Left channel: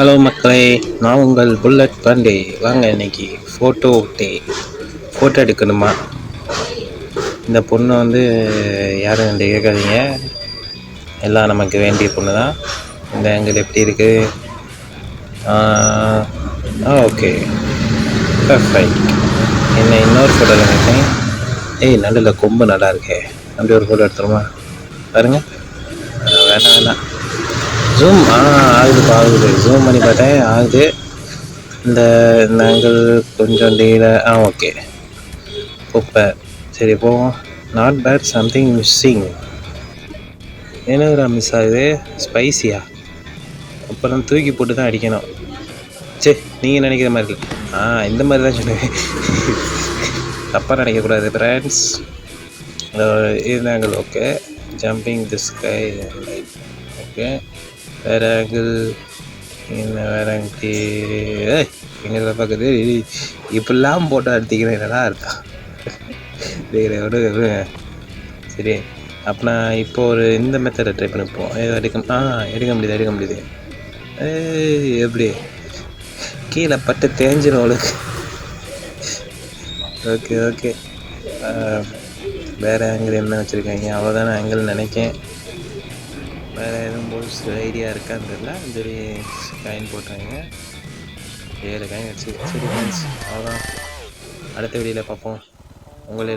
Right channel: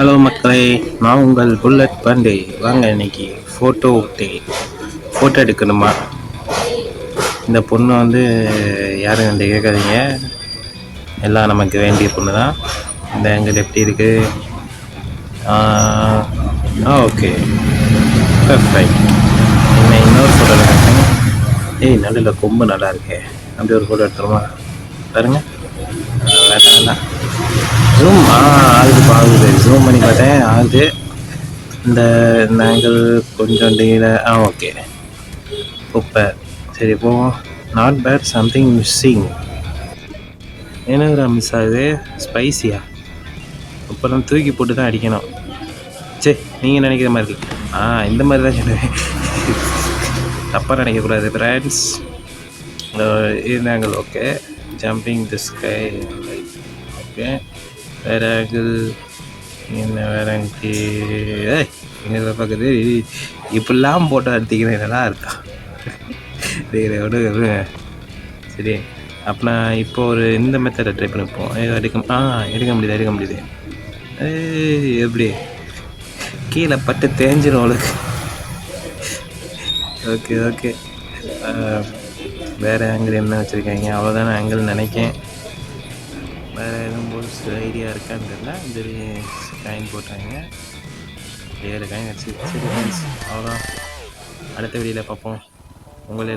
Hello மக்களே, நான் உங்கள் புல்லட் பாண்டே. வாங்க இன்னைக்கு ஃபோட்டோ எடுக்கணுமா? இந்த பொண்ணு வந்து யாரும் வந்து கேட்காதீங்க, எல்லாம் நமக்கு வேண்டிய பொண்ணு தான். இந்த ஆங்கிள் எப்படி இருக்கு? Okay, perfect. என்ன இன்னொரு ஃபோட்டோ எடுத்தேன். நல்ல கொம்பு நல்லா இருக்கே. அப்படி ஒரு ஃபோட்டோ எடுத்துருமா? பாருங்க, வேண்டாம் ஜூம் ஆகுது. ஜூம் பண்ணி பார்த்தேன், ஆகுது. இந்த ஆங்கிள் கொஞ்சம் ஓகே, சூப்பர். சரி போவோம். Not bad, something missing. என்னதுடா மிஸ் ஆகுது? ஸ்பைசியா? அப்புறம் தூக்கி போட்டு தான் அடிக்கணும். சரி, நீங்கள் நினைக்கிற மாதிரி இந்த மாதிரி தான் சொல்லுவேன். தப்பாக நினைக்கக்கூடாது ஃப்ரெண்ட்ஸ். இந்த ஆங்கிள் ஓகே. ஜம்பிங் தி ஸ்கை லைட் ஓகே. வேறு ஆங்கிள் வேறு எங்கே பார்க்குது? இப்படிலாம் போட்டோ எடுத்திக்கிறேன், நல்லா இருக்கா? விடுங்க. சரி, அப்போ நான் இப்போ ஒரு இந்த மெத்தடை ட்ரை பண்ணிப்போம். எடுக்க முடியுது. எப்படி கீழே பட்டு தேஞ்சிடும் அவளுக்கு. ஓகே. வேறு ஆங்கிள் என்ன வச்சுருக்காங்க? அவ்வளோதான ஆங்கிள் நினைக்கேன். வேறு எதுவும் சில ஐடியா இருக்கான்னு தெரியல. சரி, லைன் போட்டுருங்க. 7 காயின் வச்சு. அவ்வளோதான். அடுத்த வீடியோவில் பார்ப்போம். உங்களே